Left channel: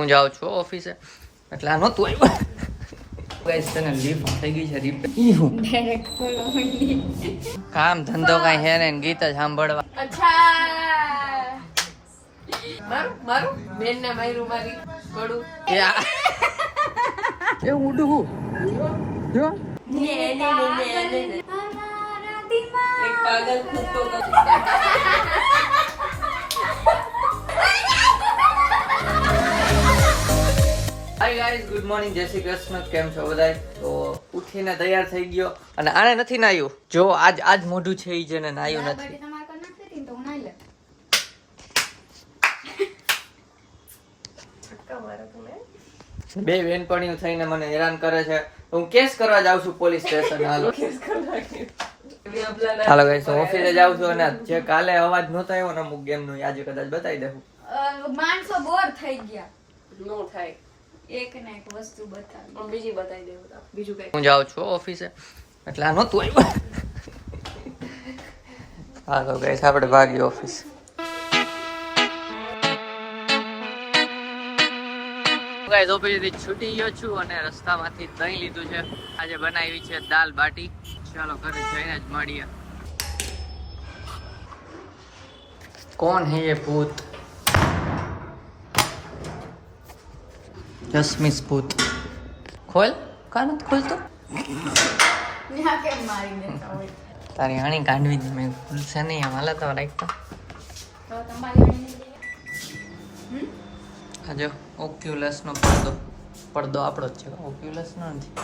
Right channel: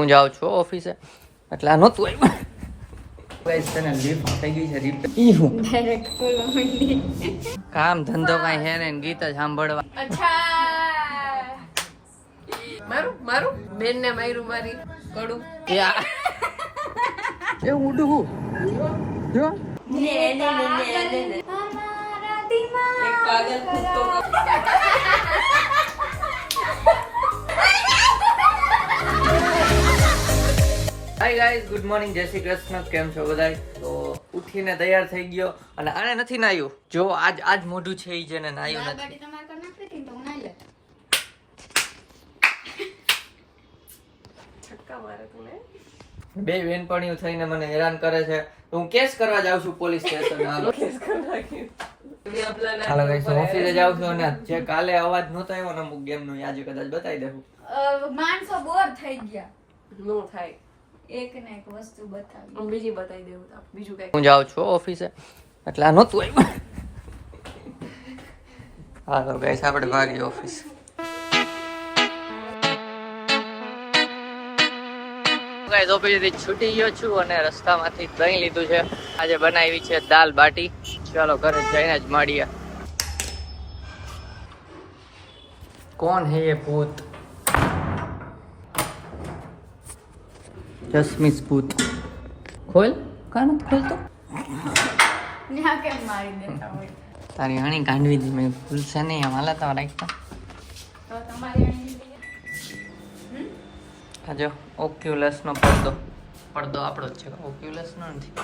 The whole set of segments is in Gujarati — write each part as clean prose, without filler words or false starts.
હું જાઉં છું ઓફિસે એટલે આ નહોતું આવ્યું ગાઈસ તને લિફ્ટ થઈ ગઈ છે રિપેર કામ ધંધો કાંઈ હે ને ગીત જ સાંભળવા અચ્છા મારું બેન ને માર્યું મારી કડું એ ઉડું હું જો હાય ગાઈઝ ગુડ મોર્નિંગ જય શ્રી કૃષ્ણ કેમ છો બધાય તો ઉઠીને તૈયાર થઈ ગયો અને આને નથી નાયું જો આજ મોઢું છે ઈ જેને નાયું નથી બે બેનપણીઓ થઈને મને હેરાન કરે છે હું કેસ કરવા જાઉં છું પોલીસ સ્ટેશન હાલો હાલો ગાઈસ ઓફિસે જાઉં છું અને જે કાલે અવાજ નહોતો આવ્યો ને અમુક ગેમ નું આજે કદાચ બતાવી દેવું માણસો બોર થઈ ગયા નો થાય એક ને એક વસ્તુ બતાવી હું બીજી બતાવી દેવું બીજું કઈ હું જાઉં છું ઓફિસે એટલે આ નહોતું આવ્યું હાલો ગાઈસ આપણે ભાગી ઓફિસ ગાઈસ ઓફિસથી છૂટી ગયો છું અને રસ્તામાંથી દહીં લીધું છે આજે બનાવી છે દાલ બાટી ચાલો ઘરે જઈને જ મળીએ કોણ હે ये भूत જસ્મીસ ભૂત ખોલ કાન ખોલતો ન્યા કેમ મારી દેતા હોય તારી હણી કાઢવી દી મેં ખુલશે નહીં આમ હાલા તો રાખતો તો તમારી આ જો ઓક્યુલસનો પડદો આપણો જ છે ઓક્યુલસનો નથી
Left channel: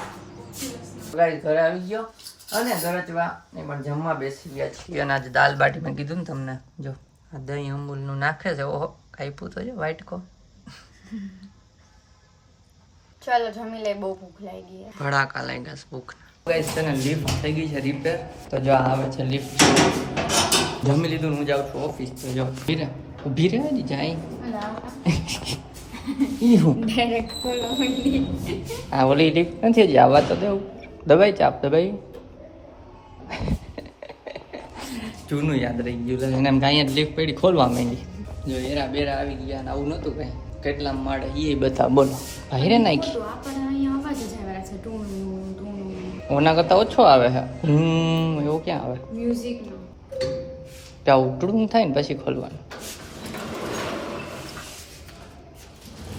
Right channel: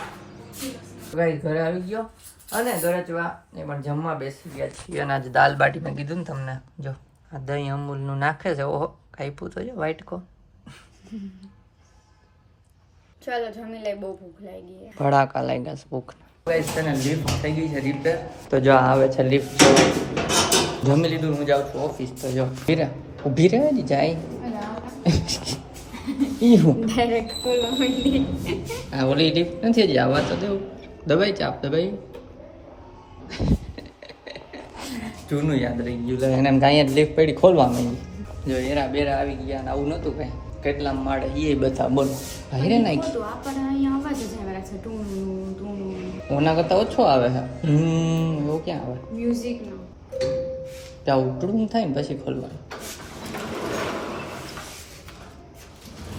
ગાઈસ ઘરે આવી ગયો અને ગરજવા એ પણ જમવા બેસી ગયા છીએ અને આજે દાલ બાટી મેં કીધું ને તમને જો આ દહીં અમૂલનું નાખે છે ઓહો કાપ્યું તો જો વ્હાઈટ કો ચાલો જમી લઈ બહુ ભૂખ લાગી છે ભડાકા લાગ્યા છે ભૂખના ગાઈસ તને લિફ્ટ થઈ ગઈ છે રિપેર તો જો આવે છે લિફ્ટ જમી લીધું હું જાઉં છું ઓફિસ તો જો ઊભી રહે ને જાય આ ઓલી લિફ્ટ નથી હજી આવવા તો દેવું દબાઈ ચાપ દબાઈ જૂનું યાદ રહી ગયું એને એમ કાંઈ લિફ્ટ પડી ખોલવા માંડી જો એરા બેરા આવી ગયા ને આવું નહોતું કાંઈ કેટલા માળે એ બધા બોલો ભાઈ નાખી ઓના કરતા ઓછો આવે છે એવું ક્યાં આવે મ્યુઝિક નો ત્યાં ઉકળું થાય ને પછી ખોલવાનું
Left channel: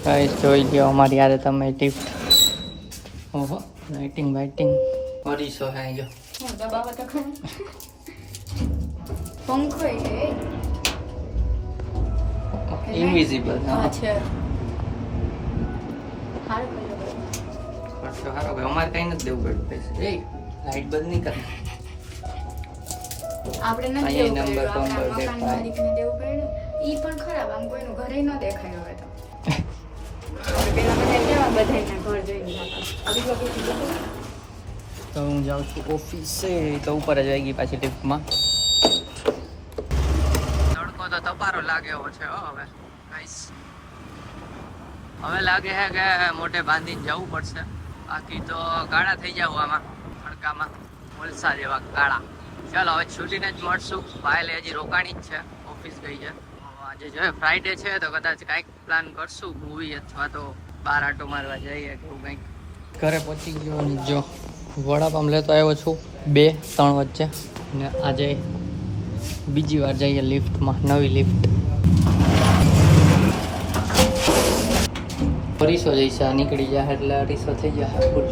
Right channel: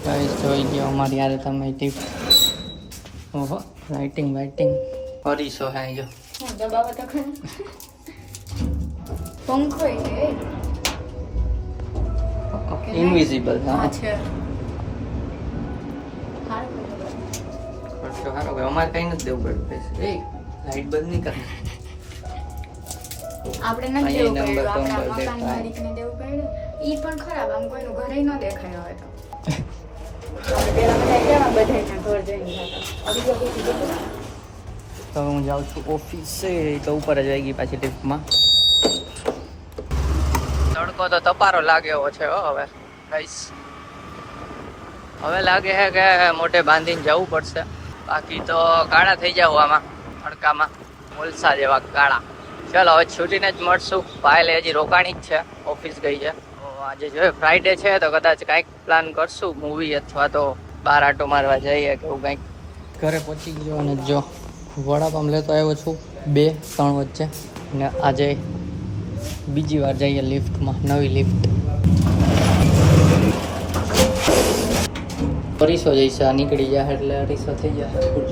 કઈ જોઈ ગયો અમારી યારે તમે ટીપ ઓહો લાઇટિંગ કરીશો હે જો હું દબાવો તો ખરા પંખો છે ઇનવિઝિબલ હા છે ખર્ચો સારો ભાઈ અમારે કઈ નથી દેવું પડતું પૈસા એ લાઈટ બંધ નહીં કરે આપણે નથી અહીંયા દેવું નંબર પડ્યું, નંબર આપણા મકાન દેખાય. માલિકને દેવું પડ્યું. ઈ પણ ખરાબ આમ કોઈનું ઘરે ન દેખાય હવે તો આપણે પેલા બધા કેવા બધાયના ઘર જોઈને જાતા હવે જો કોઈ દેખાય તો હું જાઉં છું ઓફિસે તો ઉપર જ આવી ગઈ પાછી લિફ્ટમાં તડકો તો તપારો લાગ્યો છે હો હવે ગાઈસ હવે લાગે છે કે મોઢે બાંધીને જવું પડશે બાકી તો કાળા થઈ જાવ આમાં તડકામાં મુલસા જેવા કાળા ચાલો હવે છૂટીને જ મળશું પાયલે હજી રોકાણી જ છે ઓફિસ ગઈ છે તો આજે જો ફ્રાઈડે છે તો કદાચ કાંઈક પ્લાન કરશું મૂવી અથવા તો બહાર આટો મારવા જઈએ કે એવું કંઈક ઘરે પહોંચી ગયો અને જો વડાપાવ લેતો આવ્યો છું 2-3 વચ્ચે અને આજે બીજી વાર જઈએ લિફ્ટમાં નવી લિફ્ટ અરીસો જઈશે આ નીકળી જાય એટલે અરીસો થઈ જાય ફૂલ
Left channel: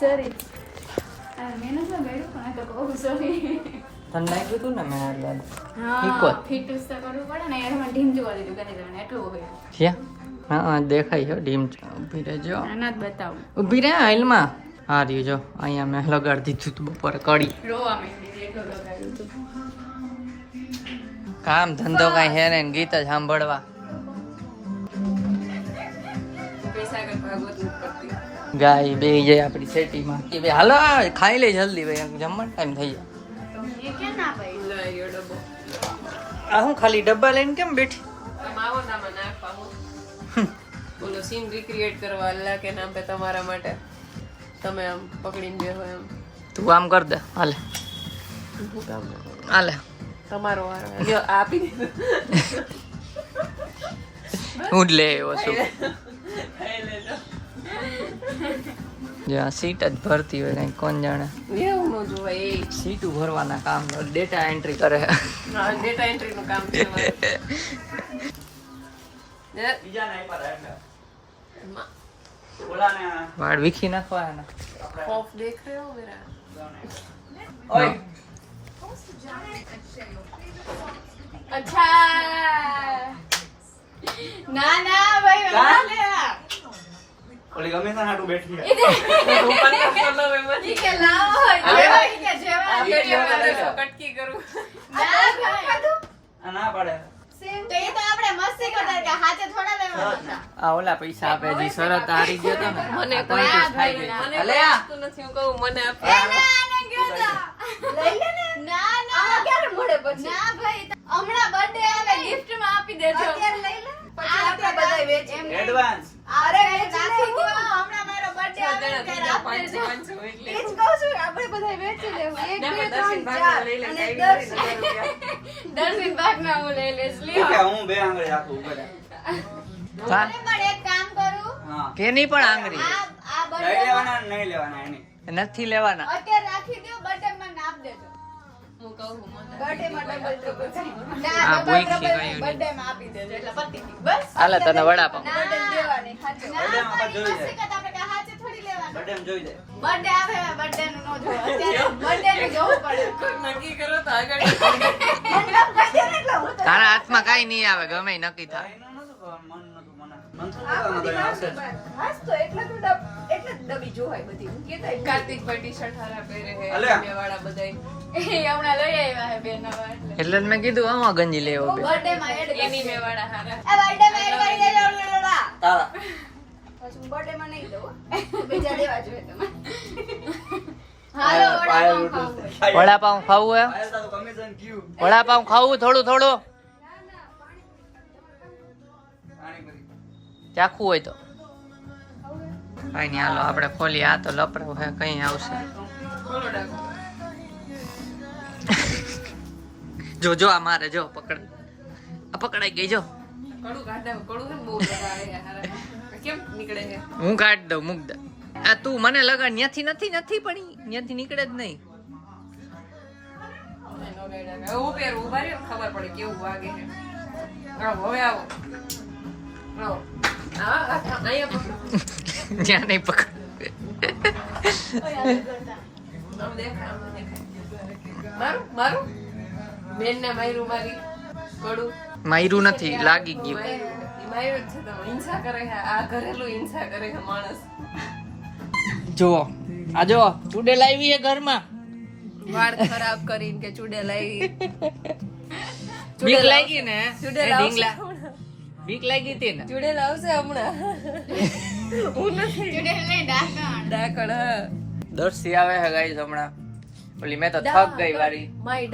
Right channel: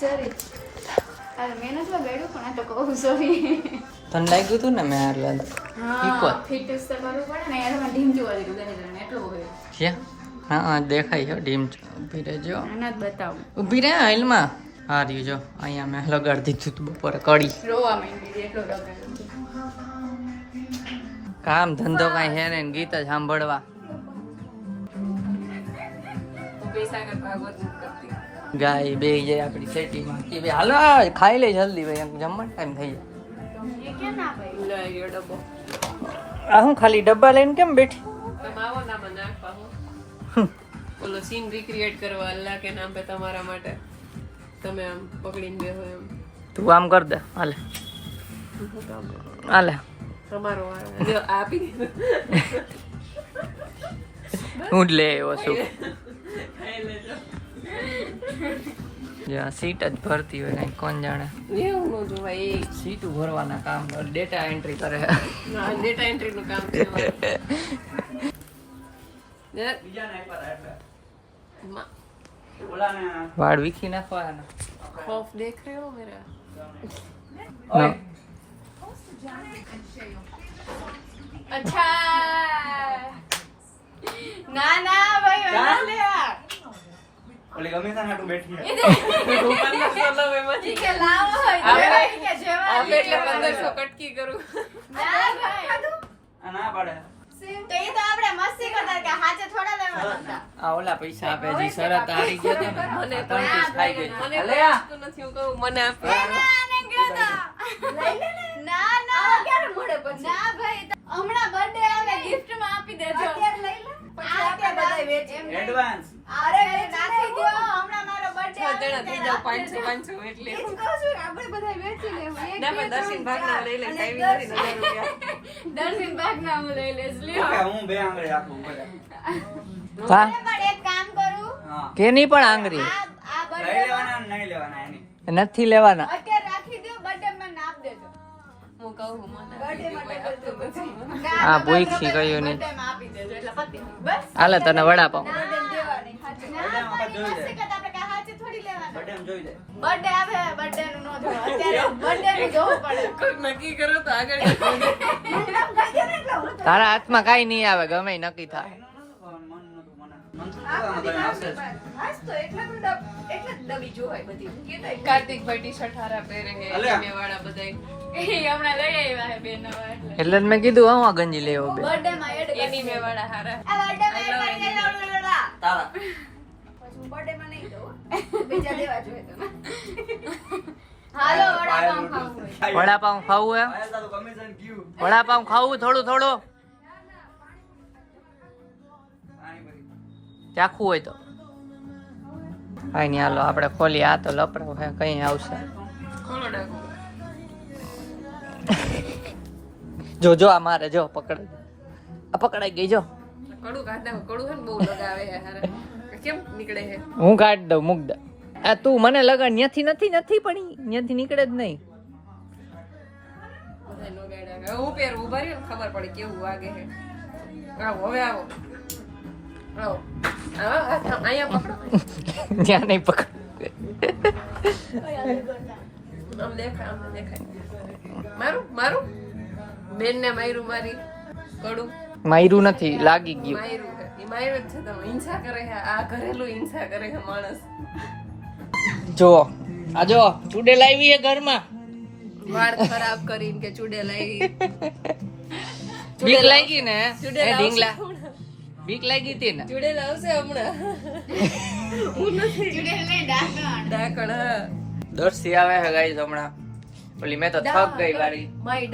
સોરી આ મેં નથી ગાડ્યું પણ આ તો કહું સોરી તને લાગ્યું હતું ને મેં એટલે હા ફિટનેસ તો કરવું પડે ને યાર માં ઢીમ જોવા દીધું ગાડી જણ એટલું હોય જ્યાં હા દેખાય છે ડીમ ઊભી રહેજો આના જ બતાવું ઊભી રહે હાલમાં હા રહ્યું જો અહીંયા મેં લગાડી દીધું હતું બપોરે કડી રોવા માંડી એટલું લગાડ્યું કામ ધંધો કાંઈ હે ને ગીત જ સાંભળવા પૈસા કર ભાગવત નથી કરતી ગાય બે જાય આપણી સેટીમાં કે ભાઈ હાલો ખાઈ લે જલ્દી ભાઈ જમવાનો ટાઈમ થઈ જાય એ કે ના ભાઈ લાયો ડબ્બો આ હું ખાલી ડબ્બા લઈને કેમ બેઠી તમે આવો ના મને નાખવા હું બોલો સીન રિક્રિએટ કરવા અલ્લાહ કે નામ પે તમારા માટે તમે આમ પકડીને બેહો એમ. તું આમ કર દે. હાલે હું કામ કરું? હાલે તમારો વારો. લ્યો, આપી દીધું. હું જ લઈ આવ્યો છું. ખાઈ લેજો. જ્યાં સીટ જ ભરતી હોય કઈ કોણ જાણે. એવું ન જોવાય એ. સીટું ભરવાના કામ ડેટા એન્ટ્રી કરે. હા, ડેટા એન્ટ્રી નું કામ છે મારે. વાળ વીખી નાખવાના. खौफ देख रहे हो मेरा? ના. અચ્છા ના ના ભાઈ વાલે ઓલી ગમે છે હાટુ બેઠી છે ઠીક છે લાવો ઠીક છે જેવા આપણે 1500 કટકી કરું. ના ભાઈ આ ના પડે તો એ તો આપણે મસ્તી કરતા કે હાથે થોડા લેવાના આ ઓલા પૈસા આપે જે શરત હારી ગયો તો ને મને આ ત્રણ પીસ ખાઈ ગઈ. મને અલે કોઈ આ વસ્તુ નથી, હું કહું મને આપો. ના લઈ લે ને ના ના આવા ક્યારે મોડે પછી ના ભાઈ હમણાં બર્થડે આવે ગિફ્ટ માં આપી દેજો અત્યારે લઈ લે પછી આપણે બધા વેચી એડવાન્સ અરે રાખી દો હમણાં મારો બર્થડે આવે બધાને બીજા 500 એટલે એ જ કહું છું આપણે બધા વેચી લેવું એક ના, બે પણ ત્રણ દર્શન ચાર ભાગના લઈ લે, અને saving કરી દે. દર્શન ભાગના હું લઈ લઈશ લ્યો કે હું બે આંગળી રાખું ઉપર હા પણ એક કામ કરું હા તેની પણ આંગળી આ લઈ બર્થડે લેવાના ને નહીં લેવાના એની નથી લેવાના. અત્યારે રાખી દો બર્થડે માં નાપ દેજો હું કહું મને બર્થડે માં ડબલ પછી આ બોઈક થી કહ્યું નહીં. બર્થડે માં આપી દેજો એટલે પતી ગયું. બસ હાલે તને વડાપાવ. બર્થડે દેવાની હાચે ના બર્થડે માં પણ જોઈ મસ્તી જાય. કરતા આપણે કાંઈ હાચે થોડી લેવાનું બર્થડે માં જોઈ જાય બર્થડે આવે બર્થડે નું નો જોવા અત્યારે બર્થડે નું જોવું પડે કોઈ નક્કી કરો તો આગળ તારા હાથમાં કાઈ નહીં આવે ગમે ઈ નક્કી થાય. મન તો હશે હાસ તો એટલે તો એટલે જ ડબી જોવાય બધી હું કહેતા કાર્તિક ભાઈ ટી-શર્ટ હારા પહેરે હે અલે. મેં વાળા બધાય એ હમણાં લઈ આવ્યા હે બેન એટલે એટલે જ મેં કીધું આમાં ગંજી લેવો બે. બર્થડે માં એડ એની મેં વાળા હારા. આ બર્થડે માં એડ કરી દેજો તારા પછી બર્થડે માં નહીં દઉં બીજા લેવા જોઈએ તમે હાલો પાયલ વડાપાવ ખાવું. વડાપાવ ખાવું હે? પાયલ તારું કમિશન ક્યુ વડાપાવ ખાવું થોડું થોડું આની બધી ચાખવું હોય તો કઈ નહીં હાલો આપણે ખોલી. આ તો લપડાવ હે કઈ આવશે. ખોલો ડાકો. જો જો આ મારે જો પકડાઈ. આ પકડાઈ ગઈ જો. કડું કાઢે કડું હે ને બહુ લગાવે હે હારા. કેમ નીકળે હે? હું કાઢ દઉં મૂક દે. આ તું મને લગા ન્યાથી નથી પણ ન્યાથી નીકળે જ નહીં. બધાય નો ગાયડા. હવે હું પહેરું ઉભા રહ્યો ને ખબર પડે કેવું વાગે હે. આવો હવે આવો. આવો. અહીંયા પકડો. ત્યાં નહીં પકડ. આમ દેખાય આમ દેખાય. મારું બેન ને માયરું મારી કડું માયરું નથી લાગી ગયું. માયરું હે. ઈ માયરું જ છે તો હિંસા કરે હે. આ ઘરેલું હિંસા કરે હે માણસ. જો આ જો ચૂડેલ આવી હે ઘરમાં. વાળ ખરાબ કરીને કે ચૂડેલ આવી. બીક લાગી ને ચૂડેલ એ ઢીંગલા આવશે. બીક લાગી હતી ને. ચૂડેલ આવશે હમણાં. હું નથી ચૂડેલ લઈ ડાકણ ડાકણ હા. દર્શી આવે હે ગાઈસ હમણાં. ઓલી મેં તો થક ગઈ વારી. માય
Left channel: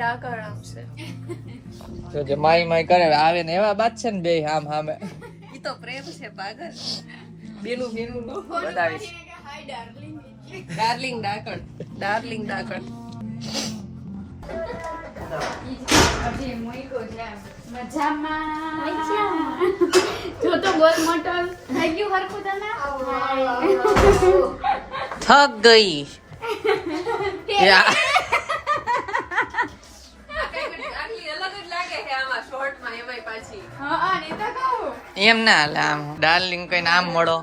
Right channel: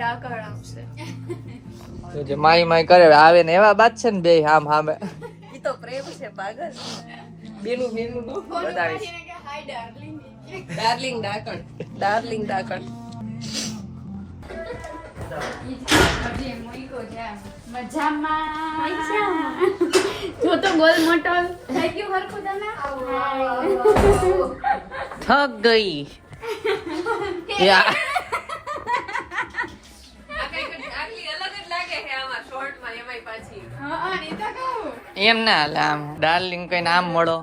ડાકણ આવશે. તો જે માઈ માઈ કરે આવે ને એવા બાત છે ને બે આમ હામે ઈ તો પ્રેમ છે પાગલ. બેનું નો બતાવીશ. હાય ડાર્લિંગ ડાર્લિંગ ડાકણ. હજી મૂક્યો છે મજામાં જો તો ગોલ મટન થઈ ગયું હરખું તને થક ગઈ. યા આટલી અલગ જ લાગે છે આમાં શોર્ટમાં એમાંય પાછી. હા એ તો કહું એમ ના હાલે આમ ડાર્લિંગ કઈ આમ મળો.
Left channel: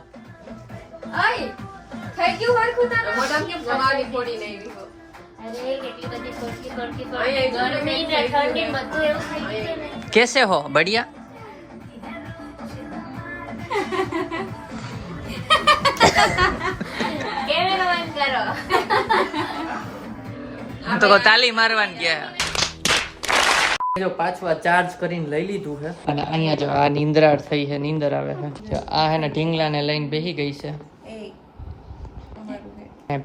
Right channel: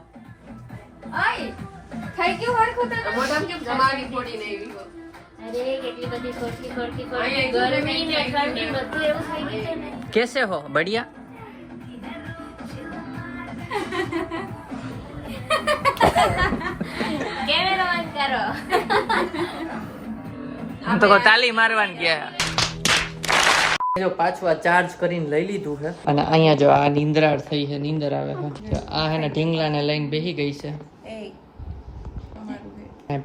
ઓય થઈ ગયું હરખું તને મોઢામાં કેમ જમાવાની ફોડી ને એવી હો. અરે કેટલી બધી કટકી કટકી અહીંયા કટકી ઘરે ગરમી ને ઠંડી બધું એવું થઈ ગયું છે. કેસે હો બઢિયા. કેમેરો બંધ કરો. હું તો કહું તાલી મારવાની ગયા. જો પાછું આ ચાર્જ કરીને લઈ લીધું છે અને અહીંયા જો આ નીંદરાર થઈ છે નીંદર આવે છે. જો આ હે ને ઢીંગલાને લઈને બેસી ગઈ છે.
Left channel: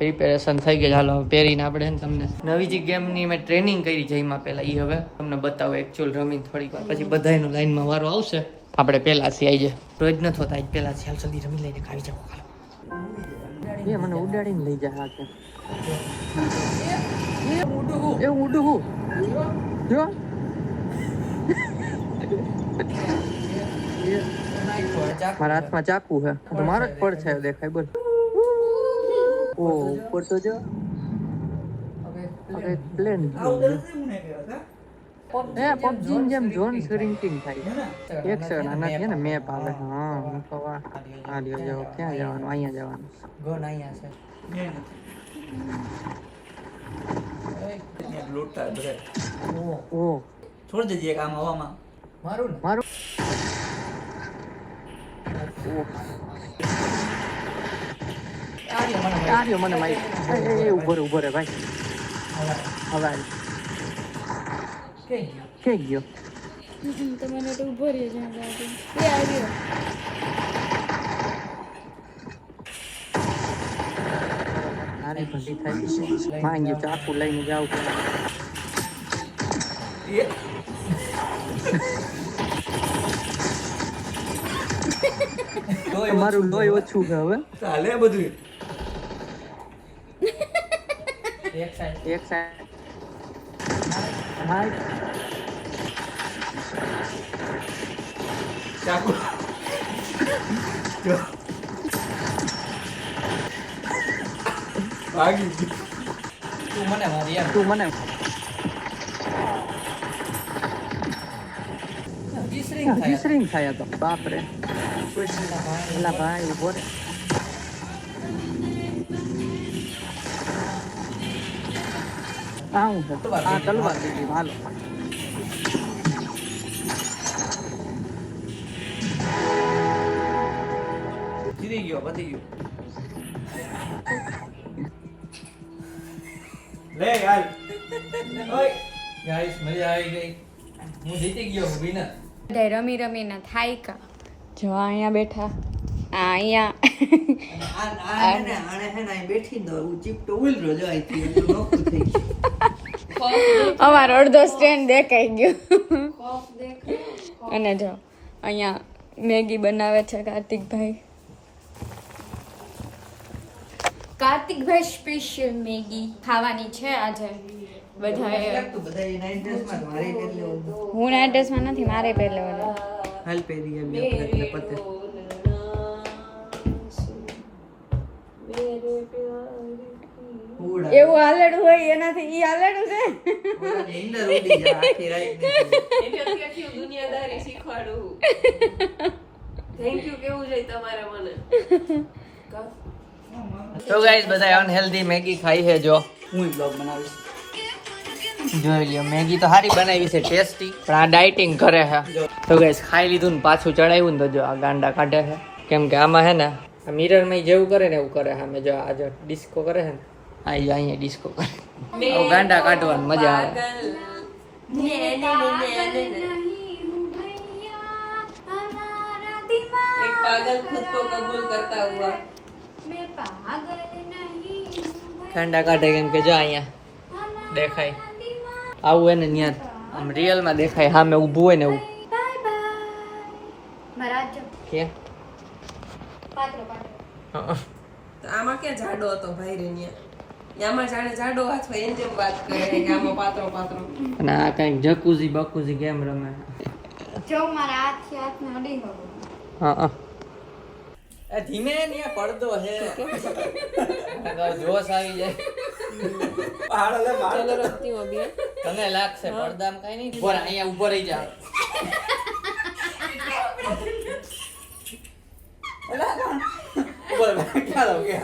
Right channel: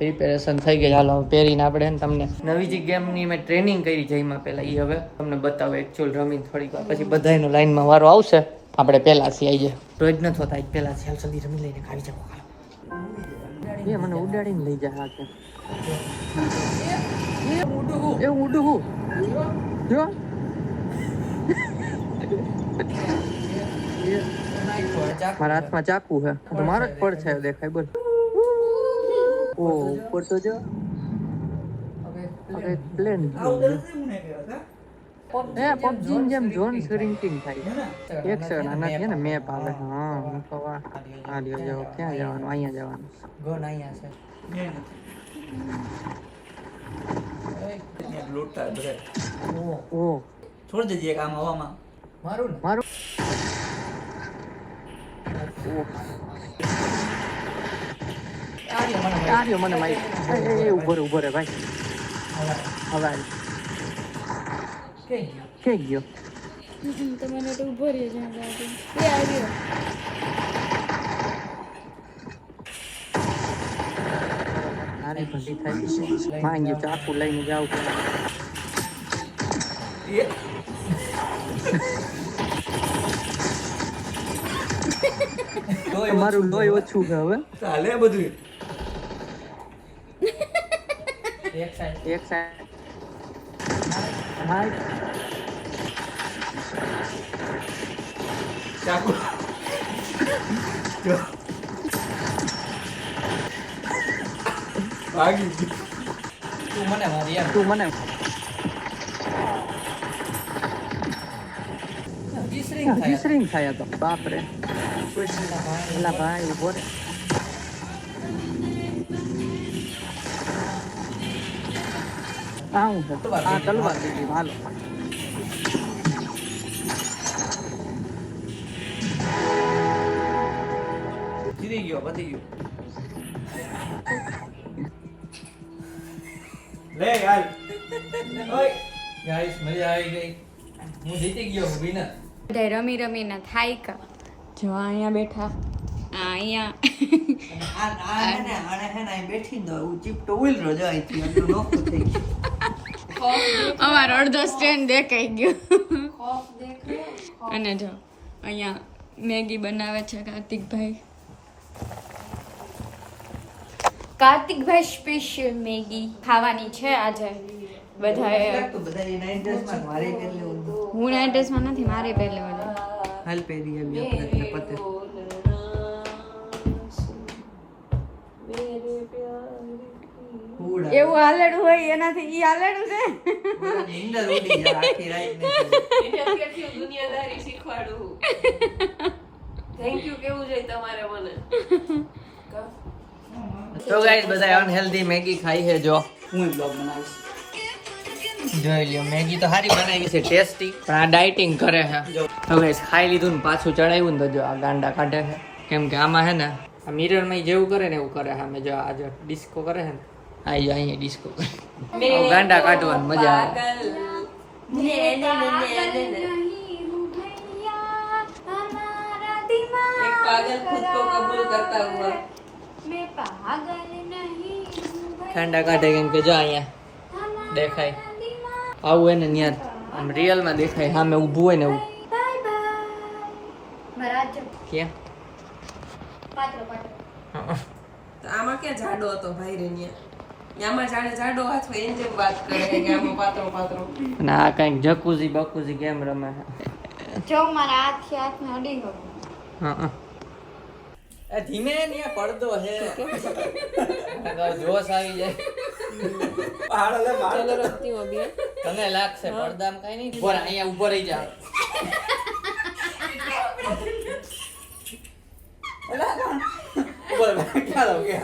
પ્રિપેરેશન થઈ ગઈ. હાલો હવે પહેરીને આપણે ને તમને નવી જે ગેમની મેં ટ્રેનિંગ કરી જઈમાં પહેલા એ હવે તમને બતાવો એકચ્યુઅલ રમીને થોડીક વાર પછી બધાયનો લાઈનમાં વારો આવશે. આપણે પહેલાથી આવી જાય રોજ ન થતા આજ પહેલાથી હાલ જલ્દી રમી લઈને ખાવી જાવ. હાલો એ મને ઉડાડીને લઈ જાય કે એ ઉડું હું જો મારા હાથમાં ચાકુ છે તો મારો જ પડ છે દેખાય બોલ ઓ ઉપર તો જો હવે પ્લેન એ પબજી ની જેમ ઝોન શ્રિંકિંગ થાય એક સેકન્ડ આનાથી ને મેપ આવે હા હું તો આ લ્યો જાવ ક્યાં જવાનું અહીંયા જવાનું ગોન અહીંયા છે લોટા બ્રે ઓ છોડ દેજે એક આમ હવામાં મારું આર્યો મને મારી એ ઉભો રે ભાઈ હવે કે ગયો તમને તો ઉભો રહ્યો જ્યાં લાગે એ આવ્યો આરી ભંડી થાય છે માંગ્યો ચાકુ લઈને જાવ મારું લોહી ઓછું છે હવે ચાલે બધું એક સાઈડ હાય ચાકુ ભાગી તું મને મારી યાર તું મને ડિસરિંગ થાય તો બાપ રે એલા ભાઈ ઉભો રે આવું છે આ તલવાર દીધી હાલો જીતી ગયો પતી ગયો લે યાર ઓય ગાઈસ મજા આવી ગઈ હું જીતી ગયો હું વિનર બધા રમી રમીને થાય કા જો અહીંયા બેઠા અહીંયા અમારો અડધો સ્ટેન્ડ દેખાઈ ગયો અને જો અહીંયા મેગી બનાવે છે કાર્તિકભાઈ સ્પેશિયલ મેગી ખાવાની છે આજે બધાએ હું નાઇટ ડ્રેસમાં નથી મારે પહેલે હાલ પહેરી આવી આપણે પતે એવું હાલડું હોય એનાથી ઈ હાલડું છે દુનિયાદારી શીખવાડું થેન્ક યુ કેવું જોઈએ તમારે મને તો ગાઈસ બધા અનહેલ્ધી મેગી ખાઈ છે જો હું બ્લોગ બનાવીશ જોઈ લ્યો મેગી તો સારી બનાવી છે ટેસ્ટી પણ આ ડાયટિંગ કરે છે તો ગાઈસ ખાઈ લીધું ને પાછું ચડાવ્યું ને તો જો આ ગાંડા કાઢે છે કેમ કે આમાં હે ને આ મિરરમાં જેવું કરે ને એવું કરે છે અમે જો આ જો ડિસ્કો કરે છે ને આ જો અહીંયા ડિસ્કો કરે આવું ગાંડા કાઢવાની મજા આવે पागल खुद को कबूल करता हुआ ગાંડા કાઢે કેમ કે જો અહીંયા દેખાય આવું એને ત્યાં આમ રિયલમાં દેખાય સામે ઊભું હોય ને એવું ક્યાં આમાં ક્યાં જાડો હતો ભાઈ રેનિયા આમાં જાણે જાડો હાથ હોય એમ જેમ વાત કરે કે આમાં પાતળો પાતળો અને આ કંઈક જકુઝી બકુઝી ગેમ રમે જો મારા હાથ ને અડી ગયો હા ધીમે ને પડદો હે જોશ આવી જાય चलो रखती हूँ अभी તને લાગશે પડદામાં કઈ નહીં ઉપર અહીંયા ઉભો રહી જા બોલ ક્યાં લાવ કે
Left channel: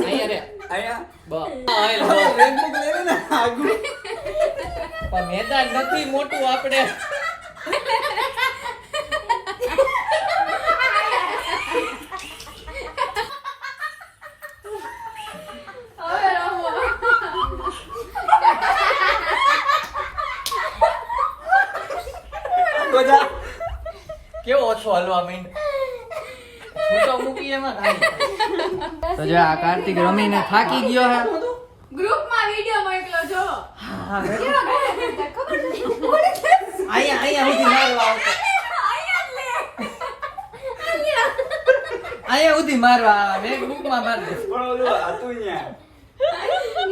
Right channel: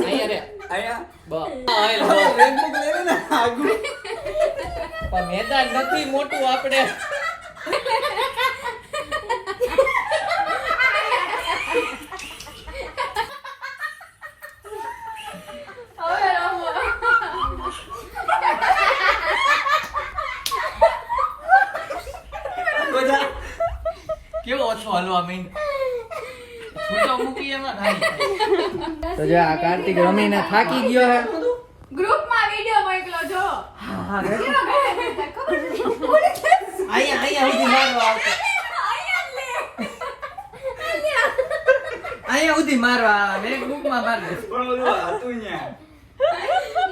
અહીંયા રે આયા બસ રેનબુક લેને ને આગુ પણ મેદાન નથી મોટું આપણે કેવો ઓછો હલવા મીન ફોટો મૂકી એમાં ખાઈ તો જો આ કાર્તિક રમીને થાકી ગયો હે ગ્રુપ માં વિડિયો મોકલો જો અહીંયા સુધી મારવા આવતો અહીંયા સુધી મારવા આવે મેં બુક માં માર દે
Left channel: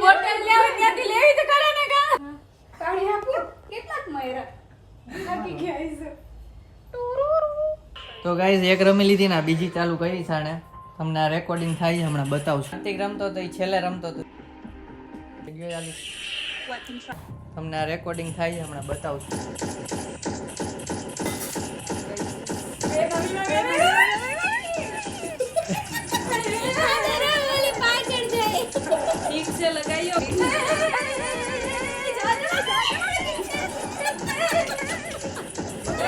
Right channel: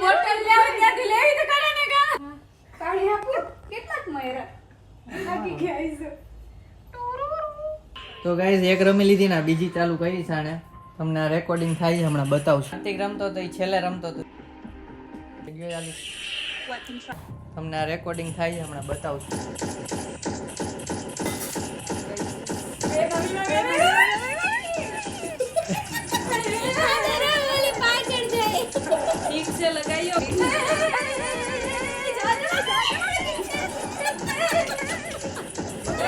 મોટર લેવી ત્યાંથી લેવી તો કરે ને કા પાણી આપું કેટલાક મયરા થાકી ગયા છે તો ગાઈઝ એક રમી લીધી ને બીજી ચાલુ કરી સાણે તમને આ રેકોર્ડિંગ થાય છે હમણાં બતાવશું કાર્તિક રમતો તો એ છેલ્લે રમતો તો તમને આ રેકોર્ડિંગ થાય છે હમણાં બતાવશું ઠીક છે લગાયો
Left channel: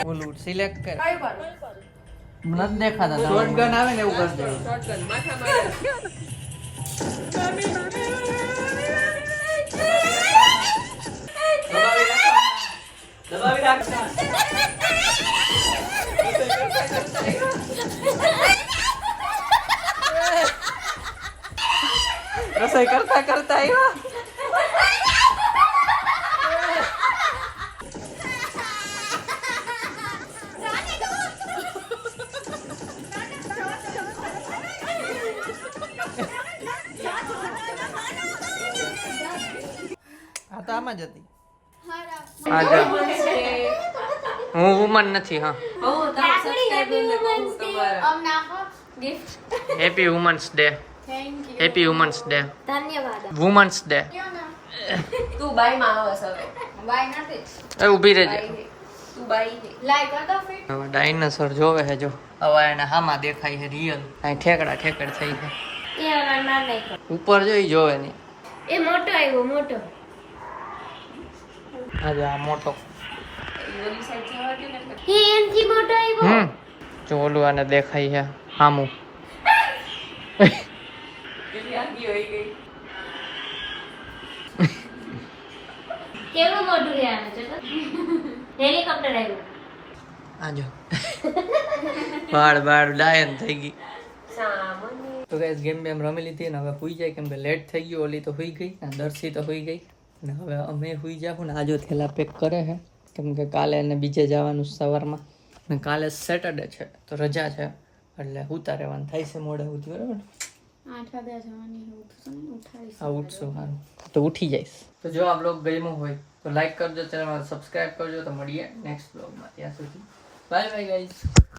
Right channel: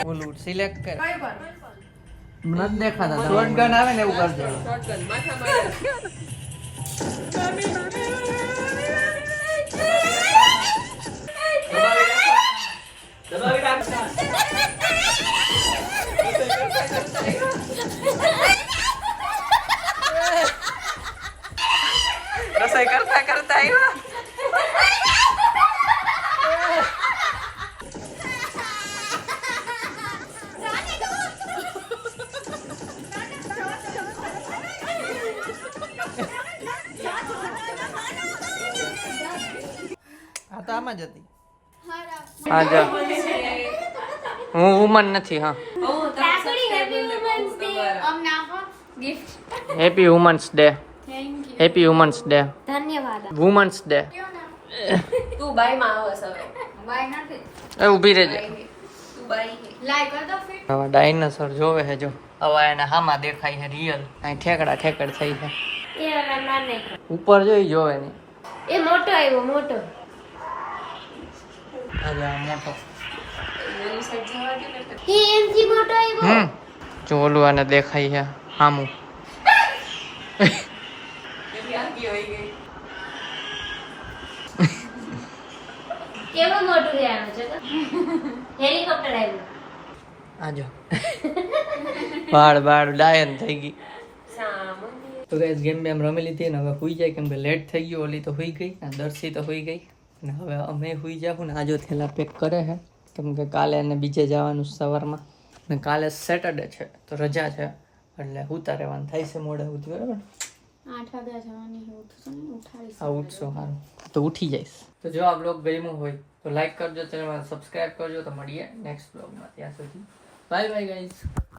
ઓલું સિલેક્ટ કર નથી દેખાતા શોટગન આવે ને એવું કરજો શોટગન માથા મારે રસોઈ કરતા કરતા આવ્યા આ તો આમાં જ હતી હા જા હું વુમન નથી હા અમને આપો gift happy women's day thank you happy women's day ધન્યવાદ વુમન્સ ડે તું બાઈ માં આવસ હવે બાય નથી એ ઊભી રહેજે તું બાઈ હે લાઈક કર દો ફિટ હવે ડાયનાસોર જોવે છે જો હવે એને હામાં દેખાય છે રિયલ અહીં ઠેકડા ઠેકડ થઈ છે એ હવે ના નહીં ઉપર જોઈ જોવે નહીં એ મોટો આવ્યો મોટો હવે આ મોટો બોલી સાઈડ જવા દે ને એ એમથી મોટો આવ્યો જો ઓલું આને દેખાય છે હામું યાદી હોઈ ગઈ કેવો મોટો છે આનો જો તો હેલિકોપ્ટર આવ્યું આજો બાળ બાળ ડાયન થઈ ગઈ સામાન્ય તો ગાઈસ ગેમ બેમ રમી લીધી ને હવે હુઈ જાય કેમ કે લેટ થઈ ગયો ઓલી તો હુઈ ગઈ અને દર્શી તો હુઈ ગઈ અને હવે અમે હુઈ જાઉં ને આજો થેલા પેક કરે છે કેમ કે કાલે એને બીજે જવાનું છે સવારમાં ને કાલે સેટરડે છે તો રજા છે એટલે ઉતા રહેવાનું થાય છે મોડે ઉઠી બરાબર 8 વાગ્યા જવાની છે ઉઠશું ને ઉઠાડી આ ઉઠશું સારું તો ઉઠી જઈશ તો જો આ બ્લોગ ગમ્યો હોય તો લાઈક કરજો ચેનલમાં સબસ્ક્રાઇબ કરજો તો મળીએ નેક્સ્ટ બ્લોગમાં ત્યાં સુધી બાય બાય ગાઈઝ